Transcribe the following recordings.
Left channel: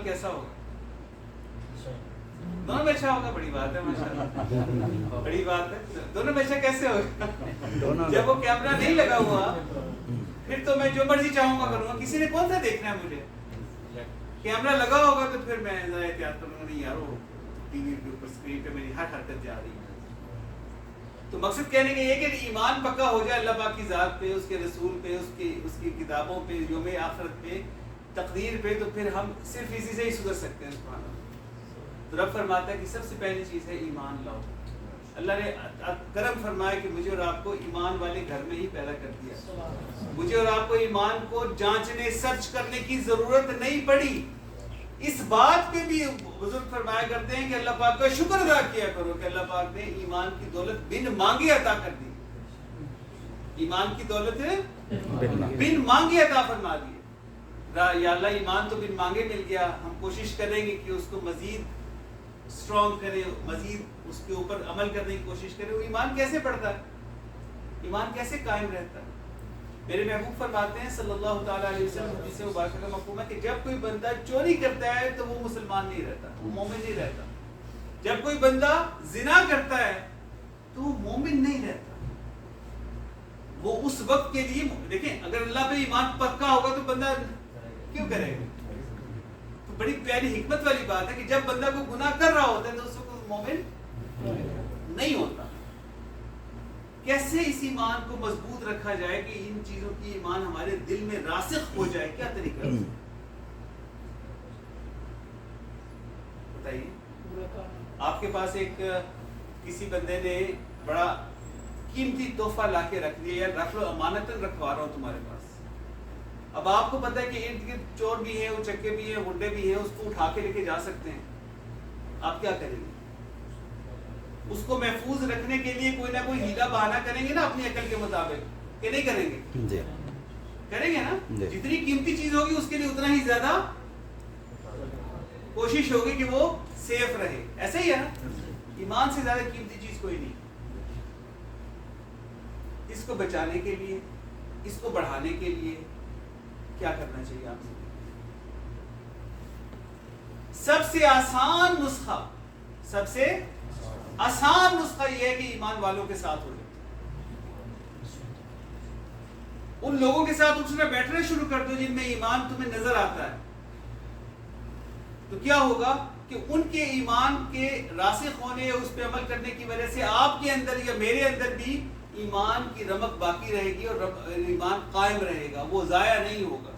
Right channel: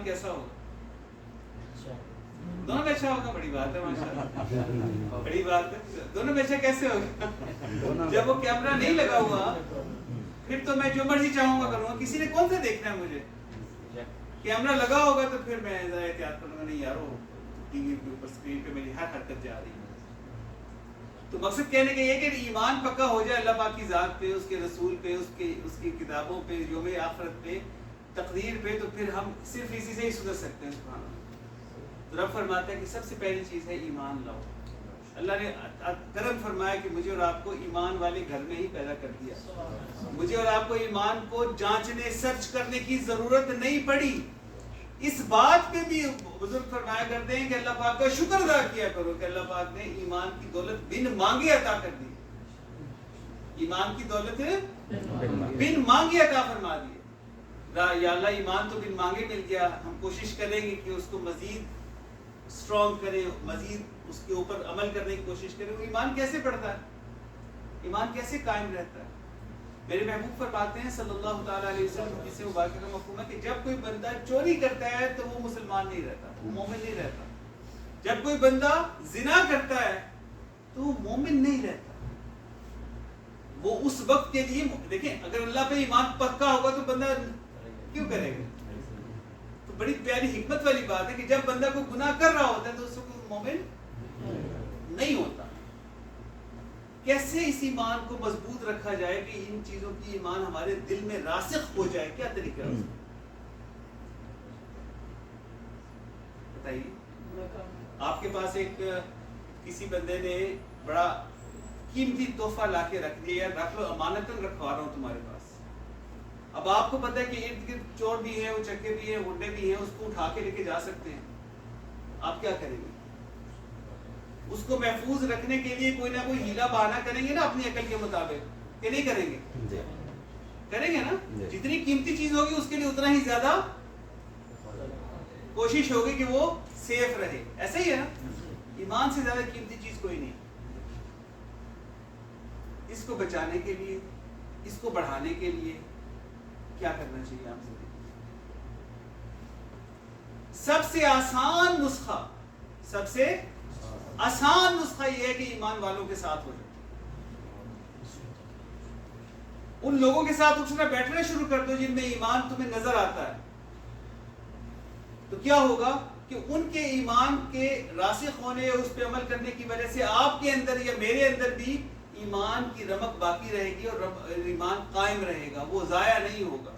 کیسا ہوگا؟ دونوں میں اچھا ہوگا، بڑی بات ہے ماشاءاللہ، بڑی بات ہے۔ دونوں میں اچھا کیسے ہوگا؟ جب وہ کیمرہ نہیں لگا ہوا پھر تو میں جو مرضی چاہوں گا کروں گا، کسی نے کون سا دیکھنا ہے مجھے؟ کیمرہ لگا ہوگا تو پھر میں ذرا احتیاط کروں گا، نہیں یار وہ ٹی وی کے اوپر اسکرین پہ میری ہر حرکت جا رہی ہے۔ تو مقصد کہنے کا یہ کہ ایمان پکا ہو جائے اللہ پاک کی ذات پہ، اس کے رسول پہ، اس کی کتابوں پہ، یوم آخرت پہ، تقدیر پہ، تو پھر ہم صرف اسی سے ہی سدھر سکتے ہیں۔ سبحان اللہ۔ تو رب فرماتا ہے کہ سب سے پہلی چیز ہے ایمان لاؤ۔ اللہ نے کرم فرمایا کہ مجھے اور آپ کو ایمان والے گھر میں ہی پیدا کر دیا، مجھے اور آپ کو ایمان کو جانچنے سرچ کرنے کی ضرورت نہیں پڑی۔ اس بات پہ بھی بزرگ فرمایا کرتے ہیں کہ اللہ پاک کا شکر ادا کیا کرو کہ اللہ پاک نے ایمان کی دولت بن مانگے عطا کر دی، ایمان کی دولت بن مانگے عطا فرما دی۔ یا اللہ ایمان تو بن مانگے مل گیا، ہم کوشش کریں گے کہ اس کو مزید اسٹرانگ کریں، مزید اس کے اوپر عمل کرنے کی کوشش کریں۔ وہ ایمان کیسے بڑھتا ہے، ایمان کیسے قائم رہتا ہے؟ میرے محبوب فرماتے ہیں صلی اللہ تعالیٰ علیہ وسلم، جس سے مبارکہ کا مفہوم ہے کہ جب کوئی بندہ چوری کرتا ہے تو وہ مسلمان نہیں رہتا، وہ مومن نہیں رہتا۔ جب کوئی بندہ زنا کرتا ہے تو وہ مومن نہیں رہتا۔ وہ اس وقت کے لیے دیکھیں، اگر اللہ پہ ایمان پکا ہوگا تو بندہ کیوں کرے گا؟ تو بڑی پیاری حکمت والی بات ہے کہ جب بندہ کو گناہ کر رہا ہوتا ہے تو اس وقت مومن نہیں ہوتا۔ کیسے اس ایمان کو مضبوط رکھا جائے کہ ان چیزوں کی ایمان ہمارے دل میں راسخ ہو جائے؟ کیا طریقہ ہے بتائیے؟ آپ کے پاس ایک کسی بندے نے بڑا قیمتی تحفہ لا کے رکھ دیا، یا رکھ لو، امانتاً رکھوا رہا ہوں تمہارے پاس۔ اب آپ کو پتہ ہے کہ ارد گرد چور بھی ہیں، وہ چکے بھی ہیں، گنڈے بھی ہیں، اس کو اٹھا کے لے کے جا سکتے ہیں۔ آپ کیا کریں گے؟ اس کو محفوظ رکھنے کے لیے کوئی نہ کوئی ہیلا بہانہ کریں گے نا اپنی عقل کے مطابق، کہ نہیں کریں گے؟ کریں گے نا۔ جتنی قیمتی چیز ہوگی اس کے لیے اتنا ہی زیادہ کوشش ہوگی کہ وہ سیف رہے۔ ایسا ہی ہے نا، ایمان سے زیادہ قیمتی چیز کوئی نہیں۔ اس کو بچانے کے لیے، اس کو بڑھانے کے لیے کیا کرنا چاہیے آپ سے؟ سب سے آسان نسخہ، سب سے آسان نسخہ یہ ہے کہ ایمان والوں کے ساتھ ہو جائے، ان لوگوں کے ساتھ اٹھنا بیٹھنا شروع کر دو جن میں ایمان تمہیں نظر آتا ہے۔ تو کیا ہوگا کہ ان کے ایمان کے راسخ ہونے، اس پہ عمل کرنے کی وجہ سے آپ کے اندر یا میرے اندر بھی ایمان کی رمق باقی رہے گی، اور ایمان قائم رہے گا، وہ ضائع نہیں ہوگا۔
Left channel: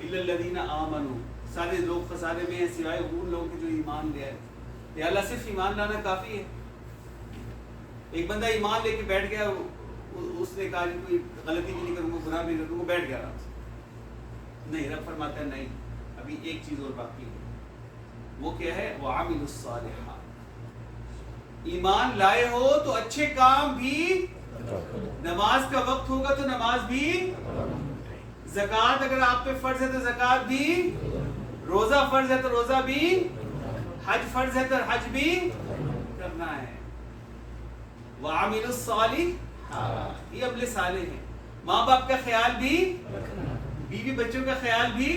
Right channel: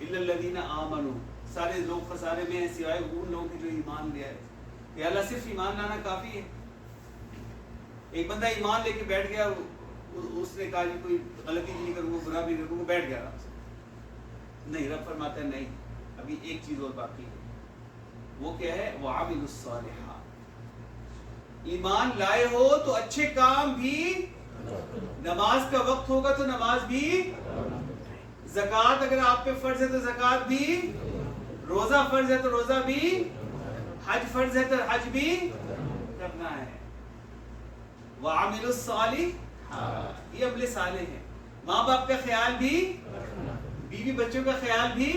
الا الذین آمنوا، سارے لوگ خسارے میں ہیں سوائے ان لوگوں کے جو ایمان لے آئے۔ یا اللہ صرف ایمان لانا کافی ہے؟ ایک بندہ ایمان لے کے بیٹھ گیا، اس نے کہا کوئی غلطی بھی نہیں کروں گا، گناہ بھی نہیں کروں گا، بیٹھ گیا آرام سے۔ نہیں، رب فرماتا ہے نہیں، ابھی ایک چیز اور باقی ہے۔ وہ کیا ہے؟ وَعَمِلُوا الصَّالِحَاتِ۔ ایمان لائے ہو تو اچھے کام بھی، نماز کا وقت ہوگا تو نماز بھی، زکوٰۃ اگر آپ پہ فرض ہے تو زکوٰۃ بھی، روزہ فرض ہے تو روزہ بھی، حج فرض ہے تو حج بھی کرنا ہے۔ وَعَمِلُوا الصَّالِحَاتِ، یہ عمل صالح ہے۔ ماں باپ کا خیال بھی، بیوی بچوں کا خیال بھی،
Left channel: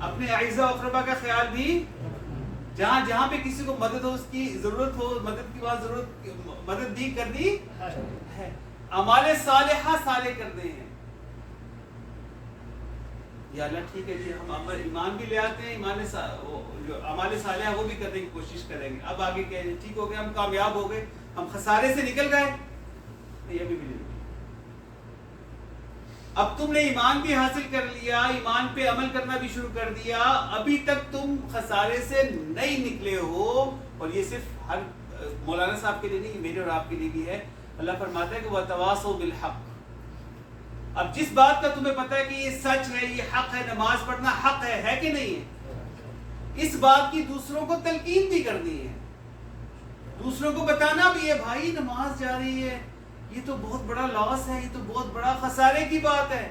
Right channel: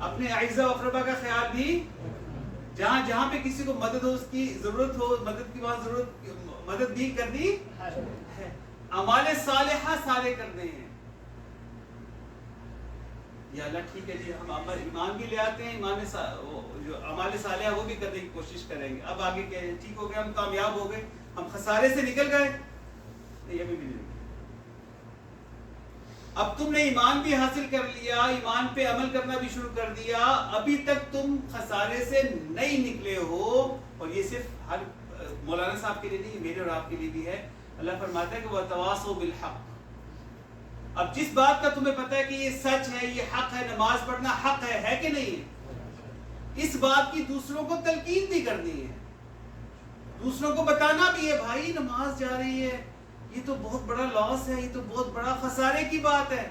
اپنے اعزاء و اقربا کا خیال بھی، جہاں جہاں پہ کسی کو مدد ہو، اس کی ضرورت ہو، مدد کی بات ضرورت، مدد بھی کرنی ہے۔ اعمال صالحہ صالح کرنے ہیں۔ یا اللہ ٹھیک ہے جی، ہم ایمان بھی لے آتے ہیں، جو اعمال صالحہ وہ بھی کرنے کی کوشش کریں گے۔ اب آگے کیا ہے؟ ٹھیک ہو گیا، ہم کامیاب ہو گئے، ہم خسارے سے نکل گئے؟ نہیں، ابھی بھی نہیں۔ اب تم نے ایمان بھی حاصل کر لیا، ایمان پہ عمل کرنا بھی شروع کر دیا، ابھی تک تم خسارے سے نہیں نکلے ہو۔ اور یہ صرف ہر مولانا صاحب کے لیے نہیں، میرے اور آپ کے لیے بھی ہے۔ اللہ فرماتا ہے کہ وَتَوَاصَوْا بِالْحَقِّ۔ اب جس بات کا تمہیں پتہ ہے کہ یہ سچ ہے، یہ حق ہے، نماز پڑھنا حق ہے کہ نہیں ہے، اس بات کی دوسروں کو تلقین بھی کرنی ہے، دوسروں کو بتانا بھی ہے، بھائی نماز جا رہی ہے، یہ تو بہت بڑا لاس ہے، یہ تو بہت بڑا خسارے کی بات ہے۔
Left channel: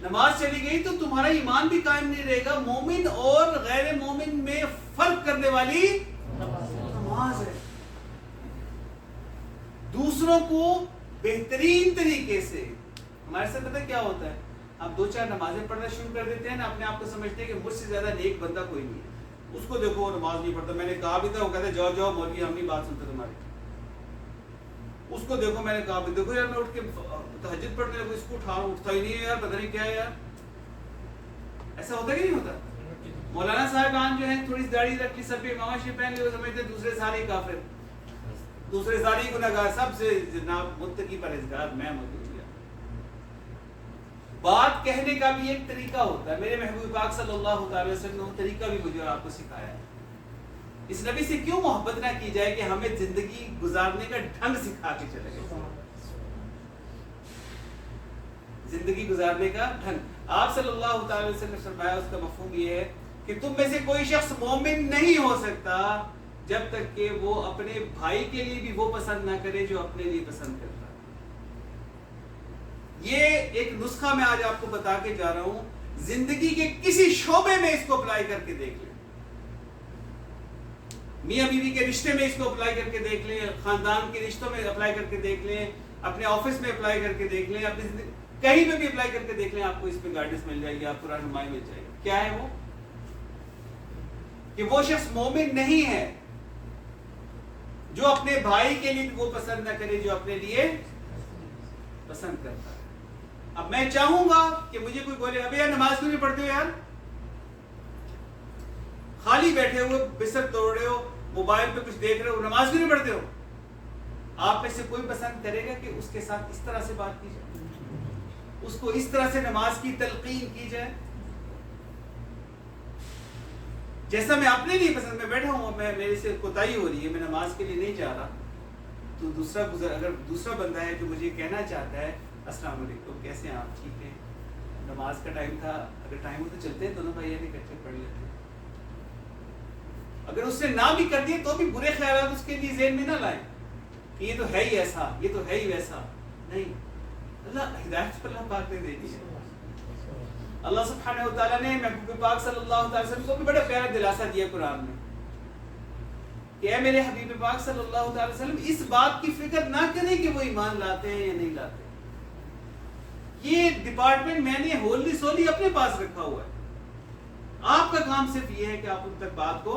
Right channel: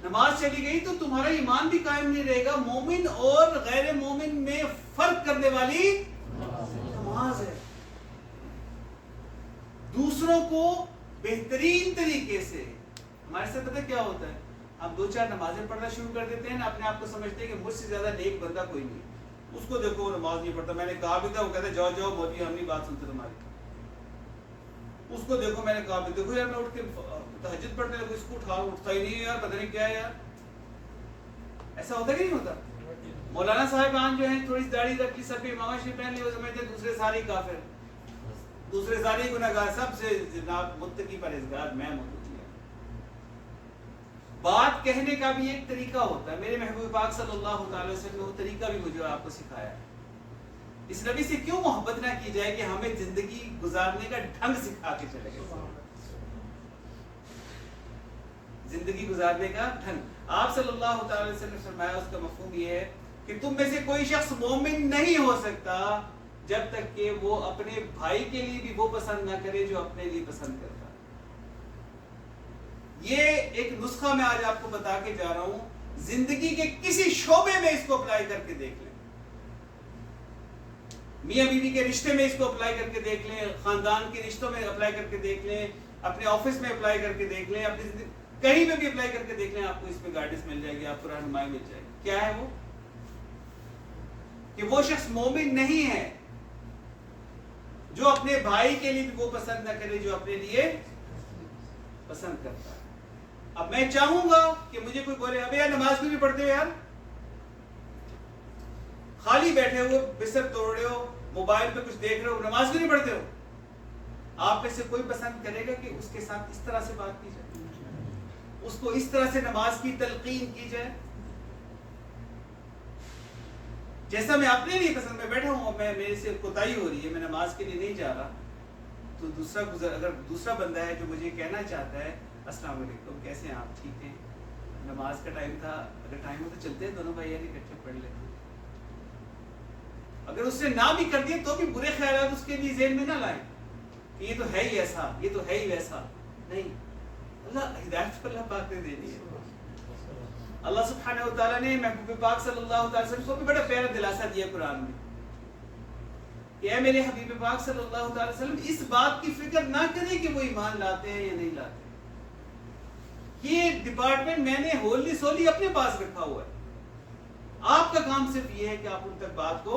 نماز چلی گئی تو تمہارا ایمان بھی قائم نہیں رہے گا۔ مومن اور غیر مومن میں فرق کرنے والی نماز ہے۔ دوسروں کو بہترین طریقے سے، ہمارے سے پتہ کیا ہوتا ہے، ہم 2-4 نمازیں پڑھنا شروع کر دیتے ہیں نا، اپنے آپ کو سمجھتے ہیں کہ مجھ سے زیادہ نیک بندہ کوئی نہیں ہے، اس کو دیکھو نماز نہیں پڑھتا، میں نے کہا بھی تھا، وہ کہتے جاؤ جاؤ مولوی ہم نہیں بات سنتے تمہاری، اس کو دیکھو میں نے کہا بھی دیکھو یار میں اٹھ کے تہجد پڑھنے لگوں، اس کو اٹھتا ہی نہیں ہے یار، پتہ نہیں کیا ہے یار. ایسا ہوتا کہ نہیں ہوتا؟ مولانا صاحبان جو ہیں تھوڑی سی داڑھی رکھ لی، سب پہ امامہ شریف پہن لی، وہ سمجھتے ہیں دوسرے سارے کافر، دوسرے سارے گناہگار، سب سے جناب متقی پرہیزگار میں متقی. بات کہنے کا بھی ایک طریقہ ہوتا ہے، میرے محبوب پاک صلی اللہ تعالی وسلم نے وہ طریقہ بھی مجھے آپ کو سکھایا ہے. اس نبی سے کیوں محبت نہ کی جائے کہ ہمیں زندگی گزارنے کا ڈھنگ سکھا کے چلے گئے، زندگی گزارنے کا ڈھنگ. آپ صلی اللہ تعالی وسلم نے فرمایا، اس کا مفہوم یہ ہے کہ تم میں سے کوئی شخص مومن نہیں ہو سکتا جب تک کہ وہ اپنے بھائی کے لیے بھی وہ پسند نہ کرے جو اپنے لیے پسند کرتا. یہ ایک نسخہ میں آج آپ کو بتا کے جا رہا ہوں، زندگی کے کسی شعبے میں اس کو اپلائی کر کے دیکھ لیں، میاں بیوی کے رشتے میں اس کو اپلائی کر کے دیکھ لیں، خاندان کے رشتوں میں اپلائی کر کے دیکھ لیں، اپنے آفس میں اپلائی کر کے دیکھ لیں، اپنی زندگی کہیں پہ بھی اپلائی کر کے دیکھ لیں، آپ کو اس پہ گائیڈنس مل جائے گی، آپ کو رہنمائی مل جائے گی. کیا ہے وہ؟ کہ وہ شخص مومن نہیں ہے جو اپنے بھائی کے لیے وہ پسند نہ کرے جو اپنے لیے پسند کرتا ہے. اب میں چاہوں گا کہ مجھے کوئی بولے ابے یار نماز کیوں نہیں پڑھتے ہو یار، خالی بیٹھے ہوئے بستر توڑ رہے ہو، موبائل پہ کچھ دیکھ رہے ہو، نماز کیوں نہیں پڑھتے ہو؟ آپ میں سے کوئی پسند کرے گا کہ اس کے ساتھ اس طرح سے بات کی جائے، اس کو اس طرح سے نماز کی تلقین کی جائے؟ جیسا میں اپنے لیے پسند، میں بیٹھا ہوں، میں میرے سے کوتاہی ہو رہی ہے، میں نماز کے لیے نہیں جا رہا، تو اگر دوسرا بندہ ہے جو مجھے کہنا چاہتا ہے السلام علیکم کیسے ہیں آپ، ٹھیک ہے، نماز کا ٹائم تھا، اگر ٹائم ہو تو چلتے ہیں دونوں بھائی اکٹھے پڑھ لیتے ہیں. اگر اس نے نہ بھی کر دیے تو بھی برے خیالات اس کے لیے ذہن میں نہ لائیں کہ یہ تو ہے ہی ایسا، یہ تو ہے ہی ویسا. نہیں، اللہ ہدایت پر اللہ پاک نے دے دی ہے. اللہ سبحانہ و تعالیٰ نے محبوب پاک صلی اللہ علیہ وسلم کو بھی بڑا پیارا دلاسا دیا قرآن میں کہ اے میرے حبیب پاک صلی اللہ علیہ وسلم اس بات کی فکر نہ کریں کہ وہ ایمان لاتے ہیں یا نہیں لاتے. یہ ڈپارٹمنٹ میں نے ہوللی سولی اپنے پاس رکھا ہوا ہے، آپ کا کام صرف یہ ہے کہ آپ ان تک بات کو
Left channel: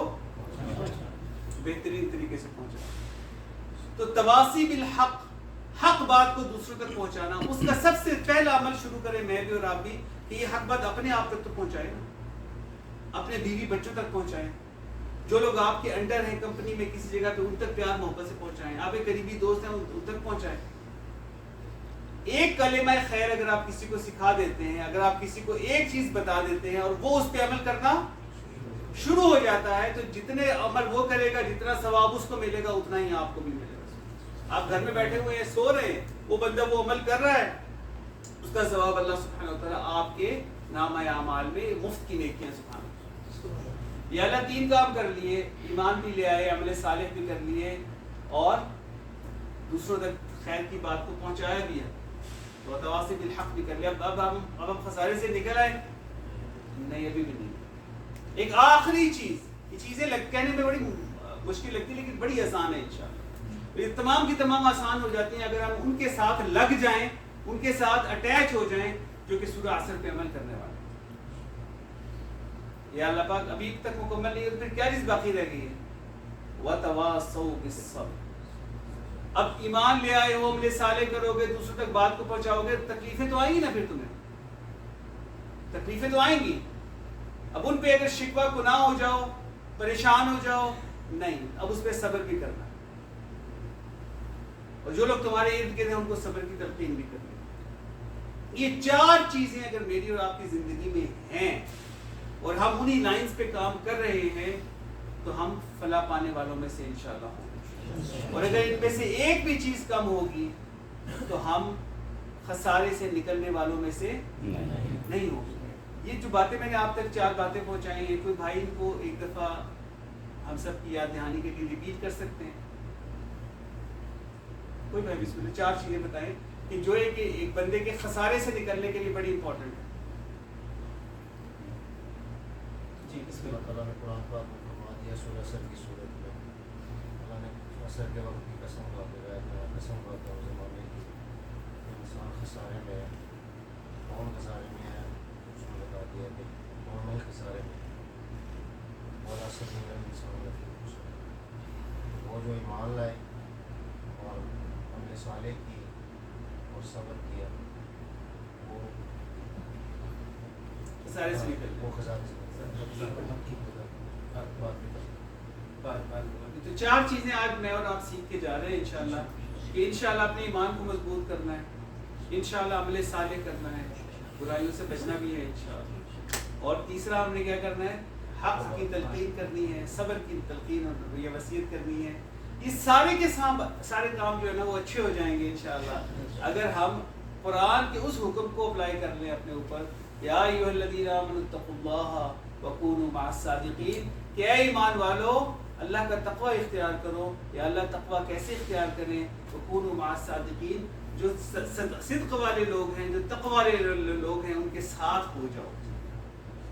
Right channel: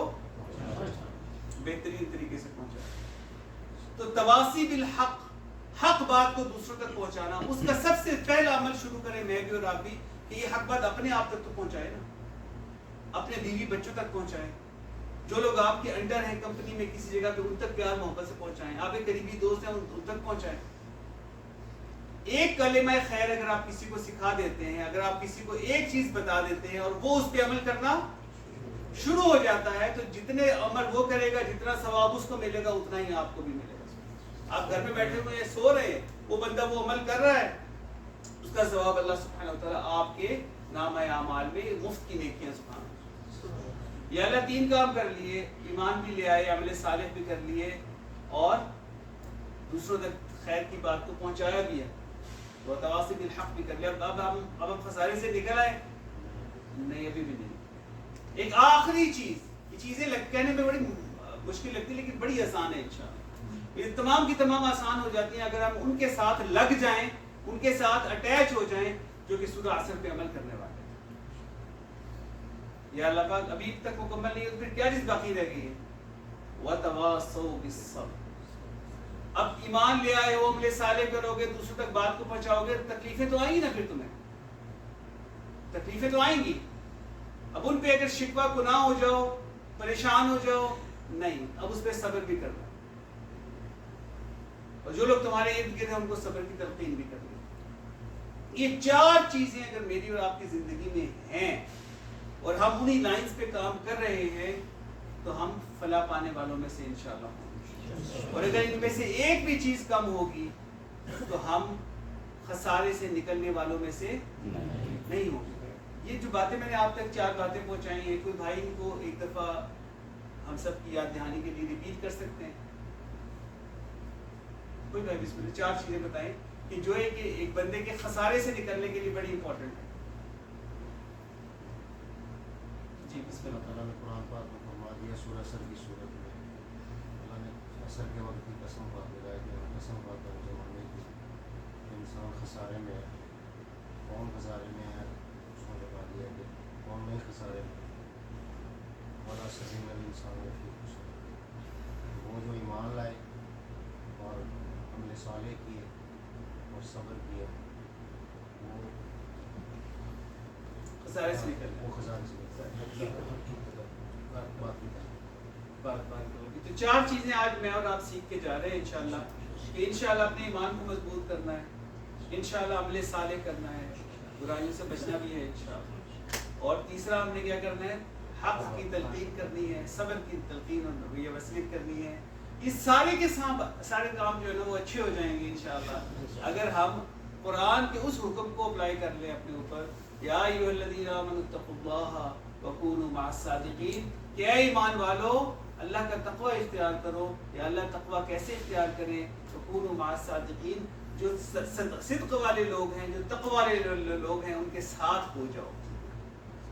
بہترین طریقے سے پہنچائیں. تو تواصی بالحق، حق بات کو دوسروں تک پہنچانا، اس کا سب سے پہلا عمل شروع کریں میں بھی اور آپ بھی کہ یہ حق بات اپنے آپ تک تو پہنچائے نا، اپنے بیوی بچوں تک پہنچائیں، جو لوگ آپ کے انڈر ہیں کمپنی میں کسی جگہ پہ ان تک پیار محبت سے پہنچائیں، آپ ایک قریبی دوست ہیں ان تک پہنچائیں. ایک کلمہ خیر اگر آپ کسی کو سکھا دیتے ہیں، اگر آپ کسی کو ایک چیز بتا دیتے ہیں اور وہ اس پہ عمل کرنا شروع ہو جاتا ہے تو جتنے عمل وہ کرے گا، جتنا ثواب اس کو ملے گا اتنا ہی آپ کو بھی ملے گا. آپ گھر میں بیٹھے ہوئے ہیں، سو رہے ہیں، وہ بندہ وہ عمل کر رہا ہے، اس کا ثواب اللہ سبحانہ و تعالیٰ آپ کے نامہ اعمال میں مفت کی نیکیاں سبحانہ. یا اللہ 3 کام کر لیے، ایمان بھی لے آئے، عمل صالح بھی کر لیے اور دوسروں تک خیر کی بات کو پہنچایا بھی ہے، تو تواصی بالحق بھی کر لیا. اب ہم خسارے سے نکل آئے؟ نہیں، ابھی بھی نہیں. ایک آخری چیز، یہ چیزیں کہنے میں بڑی مشکل لگتی لیکن بڑی آسان ہے انشاءاللہ. یہ تمام کی تمام آسان ہو جاتی ہیں اگر ہم ان کے ساتھ لگ جائیں، ان کے ساتھ اٹیچ ہو جائیں جو کہ سورہ عصر پہ عمل کرنے والے. یا اللہ پاک ابھی تک مکمل نہیں ہے تو پھر کیا چیز باقی رہ گئی ہے؟ وَتَوَاصَوْا بِالصَّبْرِ. اب ایمان لے آئے ہو، عمل صالح کرو گے، دوسروں تک بات کو پہنچاؤ گے، تکلیفیں تو آئیں گی نا، پھر تمہیں تکلیفیں تو آئیں گی. اب ان پہ اگر شکوہ گناہ ہو جاؤ، پریشان ہو جاؤ، نہیں، اب اس پہ صبر بھی کرنا ہے. اور جو لوگ تمہارے ارد گرد ہیں ان کو صبر کی تلقین بھی کرنی. یہ 4 چیزیں اگر میری اور آپ کی زندگی میں ہیں اور ہم انہی لائنز پہ کام کر رہے ہیں تو ہم فلاح پانے والوں میں سے انشاءاللہ ہوں گے. اور اگر ان میں سے ایک بھی چیز کم ہوگی تو ہم خسارے سے نکلنے والوں میں سے نہیں ہوں گے. یہ جو باتیں میں نے آپ تک 4 باتیں پہنچائی ہیں، کوئی بھائی ان کو ایک دفعہ ہم سب کی یاد دہانی کے لیے ریپیٹ کر سکتے ہیں؟ کوئی بھائی بسم اللہ 4 چیزیں بتائیں کہ جو ہے کہ ایک بندے کے خسارے سے نکلنے کے لیے بڑی امپورٹنٹ ہے. جی بسم اللہ. تعالیٰ نے قرآن پاک میں فرما دیا سورہ عصر کی صورت میں، اللہ نے عصر کے وقت کی قسم کھا کے رہا ہے کہ میں قسم کھاتا ہوں زمانے کی، انسان خسارے میں ہے. کون خسارے میں ہے؟ اس نے بتا دیا کہ کون نہیں خسارے میں، اور اثر نہیں انسان وہ جو ایمان لائے اور عمل صالح کیے اور صبر کیا وہ خسارے سے نکل وہ خسارے سے تو 4 چیزیں آج میں اور آپ سیکھ کے جا رہے ہیں انشاءاللہ، کہ انشاءاللہ اپنے ایمان کو مضبوط کرنا ہے، انشاءاللہ عمل صالح کرنا ہے، برائیوں سے بچنا بھی ہے انشاءاللہ، اور تیسرا ہم نے کیا کرنا ہے، حق کی تلقین کرنی ہے، صبر کی تلقین اور یہ وصیت کرنی ہے۔ اس سارے کے سارے کام جو ہے نا وہ اچھے ہو جائیں گے انشاءاللہ اگر ہم قرآن کے اس حکم کو اپلائی کر لیں اپنے اوپر، یا ایھا الذین آمنوا اتقوا اللہ وکونوا مع الصادقین، کہ اے ایمان والو اللہ کا تقوی اختیار کرو۔ یا اللہ تقوی کیسے اختیار کریں؟ وکونوا مع الصادقین، جو صدق والے لوگ ہیں، جو تقوی والے لوگ ہیں ان کے ساتھ ہو جاؤ،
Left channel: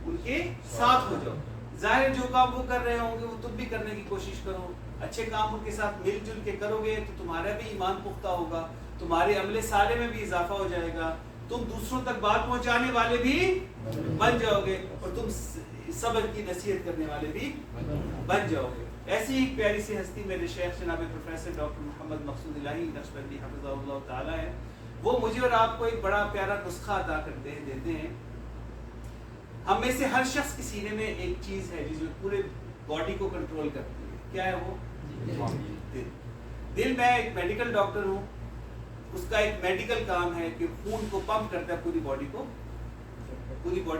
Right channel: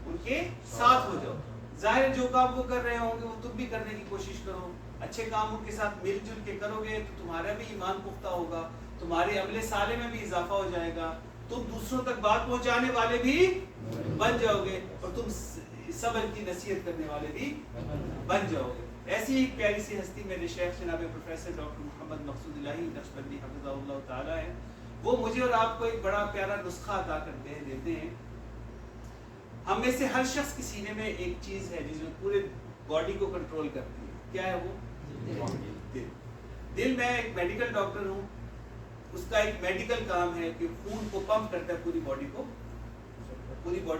ان کے ساتھ ہو جاؤ۔ ظاہر ہے جو کام وہ کر رہے ہوں گے وہ تم بھی کرنے کی کوشش کرو، اچھے کام ان کے ساتھ مل جل کے کرو گے تو تمہارا بھی ایمان پختہ ہوگا، تمہارے عمل صالح میں بھی اضافہ ہو جائے گا، تم دوسروں تک بات پہنچانے والے بھی بن جاؤ گے، اور تم صبر کی نصیحت کرنے والے بھی بن جاؤ گے۔ ایسی ایک پیاری سی ہستی میرے شیخ جناب پروفیسر ڈاکٹر محمد مقصود الہی نقشبندی حفظہ اللہ تعالی ہے، وہ مجھے اور آپ کو ایک بڑا پیارا نسخہ ادا کرتے ہیں، دیتے ہیں۔ ہم میں سے ہر شخص کے سینے میں ایک چیز ہے جس میں پورے باڈی کو کنٹرول کرتی ہے، کیا ہے وہ؟ دل۔ دل، میں ایک میڈیکل ڈاکٹر ہوں، اس کا ایک میڈیکل کام ہے کہ خون کو پمپ کرتا ہے، پوری باڈی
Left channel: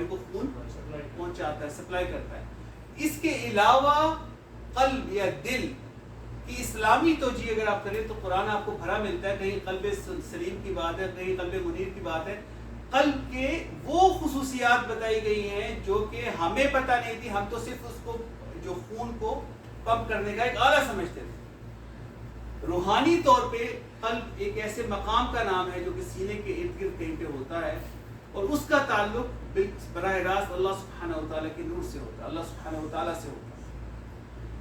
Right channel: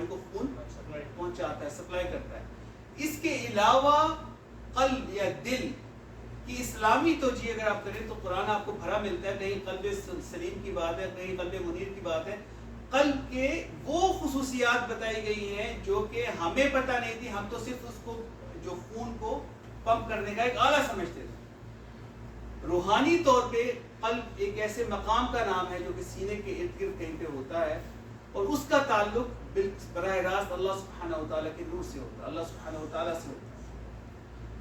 کو خون پہنچاتا ہے، سپلائی کرتا ہے۔ اس کے علاوہ قلب یا دل کی اسلامی توجیہ اگر آپ کریں تو قرآن آپ کو بھرا ملتا ہے، کہیں قلب سلیم کی بات ہے، کہیں قلب منیر کی بات ہے۔ قلب کے وہ خصوصیات بتائی گئی ہیں جو کہ ہمیں پتہ نہیں تھی، ہم تو صرف اس کو جو خون کو پمپ کرنے کا ایک آلہ سمجھتے تھے۔ روحانی طور پہ قلب ایک ایسے مقام کا نام ہے جو کہ سینے کے ارد گرد کہیں پہ ہوتا ہے، اور اس کا تعلق براہ راست اللہ سبحانہ وتعالیٰ کے نور سے ہوتا ہے، اللہ سبحانہ وتعالیٰ سے ہوتا ہے۔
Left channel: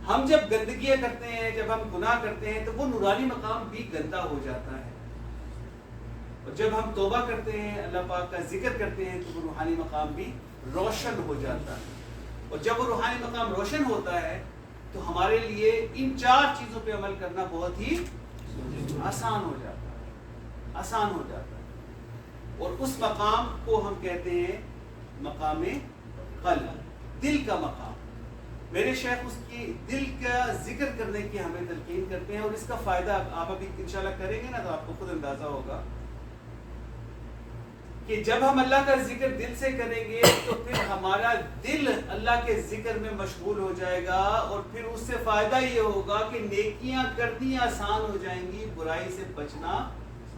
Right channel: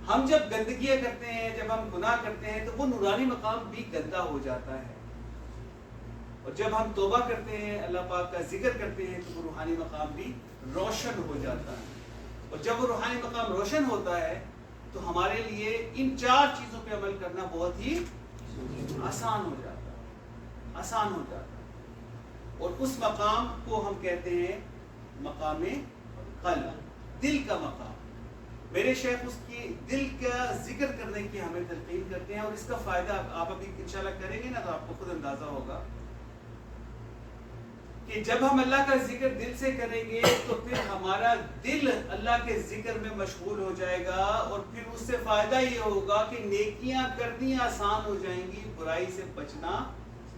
ہم جب گندگیاں کرتے ہیں، جب ہم گناہ کرتے ہیں تو وہ نورانی مقام بھی گندا ہو جاتا ہے، اور جب ہم توبہ کرتے ہیں، اللہ پاک کا ذکر کرتے ہیں تو وہ روحانی مقام بھی روشن ہو جاتا ہے، اور جب وہ روحانی مقام روشن ہوتا ہے تو ہمارے لیے ان 4 چیزوں پہ عمل کرنا بہت ہی آسان ہو جاتا ہے، اور اس مقام کو ہم کہتے ہیں مقام قلب، دل کا مقام۔ میرے شیخ اس کی دل کا ذکر کرنے کی ہمیں تلقین کرتے ہیں، اور اس کا فائدہ آپ ابھی انشاءاللہ کریں گے نا تو آپ کو خود اندازہ ہوگا کہ جب ہم اللہ کا ذکر دل سے کریں گے تو پھر ہمارا دل اللہ کے ذکر میں مشغول ہو جائے گا، اور پھر اس سے فائدہ یہ ہوگا کہ نیکیاں کرنی آسان ہو جائیں گی، برائی سے بچنا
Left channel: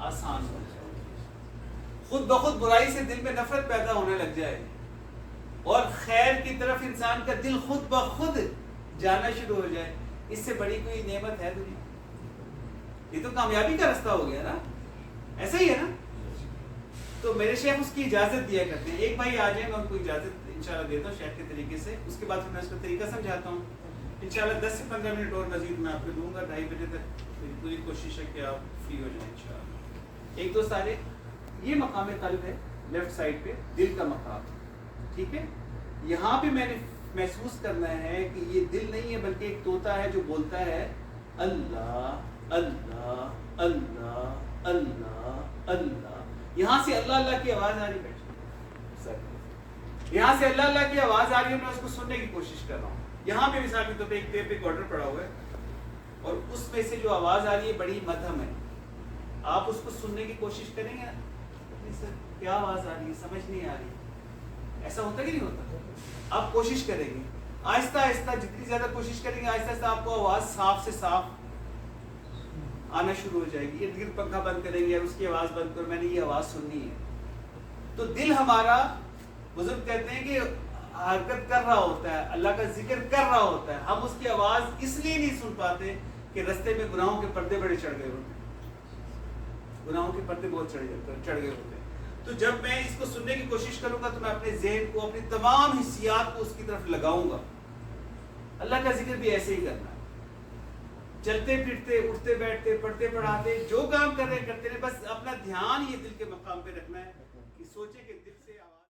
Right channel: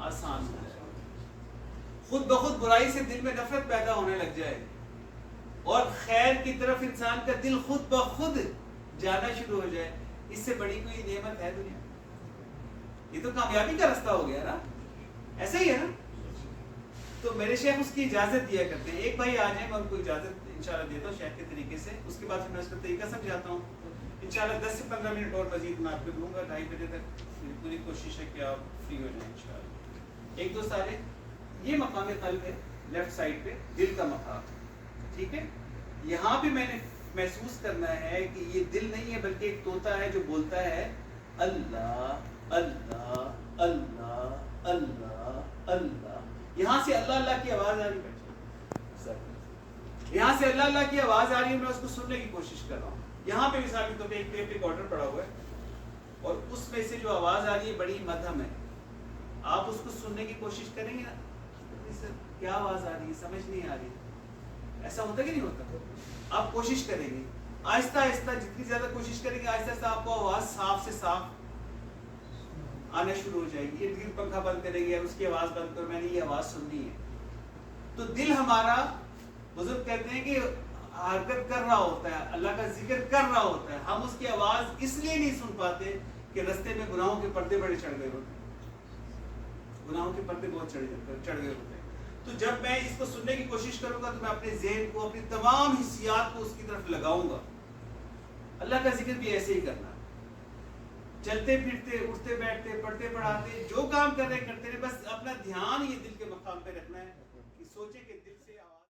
آسان ہو جائے گا۔ خود بخود برائی سے دل میں نفرت پیدا ہونے لگ جائے گی، اور خیر کی طرف انسان کا دل خود بخود جانا شروع ہو جائے۔ اس سے بڑی کوئی نعمت ہے دنیا؟ یہ تو کامیابی کا رستہ ہو گیا نا، ایسا ہی ہے نا؟ تو میرے شیخ اس کی اجازت دیا کرتے ہیں، ایک بھائی آ جائیں، میں ان کو اجازت انشاءاللہ دیتا ہوں شیخ کے طریقے سے، اس کے بعد پھر میں اس کا طریقہ سمجھاتا ہوں۔ انشاءاللہ 10 سے 15 منٹ اور مزید میں آپ کو دوں گا، 2:30 بجے تک میری پوری کوشش ہے کہ آپ فری ہو جائیں انشاءاللہ۔ ایک دو سارے یہ مقام قلب ہے، لیفٹ سائڈ پہ دل کا مقام، ٹھیک ہے؟ یہاں پہ میں نے محسوس کرنا ہے کہ یہ دل نہیں ہے بلکہ ایک طوطا ہے جو بولتا ہے اللہ اللہ اللہ اللہ اللہ۔ یہاں سے اللہ اللہ کی آواز آ رہی ہے، یہاں سے اللہ اللہ کی آواز آ رہی ہے، میں اس کو سننے کی کوشش کر رہا ہوں۔ یہاں پہ مثال کے طور پہ ایک ٹیپ ریکارڈر پڑا ہوا ہے، اور اس میں سے جو آواز آ رہی ہے بڑی مدھم ہے، آپ اس کو سننے کی کوشش کریں گے نا، کیا آواز آ رہی ہے، سمجھ نہیں آ رہی، ایسا ہوتا کہ نہیں ہوتا؟ آپ کوشش کریں گے آہستہ آہستہ، جتنی زیادہ کوشش کریں گے آہستہ آہستہ آپ کو آواز صاف سے صاف آنا شروع ہو جائے گی۔ ارد گرد پنکھا بند کریں گے، اس کی آواز بند کرو، میں نے یہ آواز سننی ہے۔ تو دل ہمارا، بزرگ کہتے ہیں کہ حرکت کر رہا ہوتا ہے، اللہ کا ذکر کر رہا ہوتا ہے، ہم اس کی آواز اس لیے نہیں سن پاتے کہ رستے میں گناہوں کے پردے بڑے چڑھ گئے ہوتے ہیں، گناہوں کے پردے بہت چڑھ گئے ہوتے ہیں۔ تو جب میں اس کو سننے کی کوشش کروں گا تو میں اپنے ذہن کو، اپنی تمام حسیات کو اس کی طرف لگاؤں گا۔ اللہ کا ذکر بھی ایسے ہی کرنا ہے، چلتے پھرتے، اٹھتے بیٹھتے، پڑھتے پڑھاتے، جو کام کر رہے کرتے رہے، بس اپنا دھیان یہ دل کے مقام پہ رکھنا ہے کہ سوچے کہ دل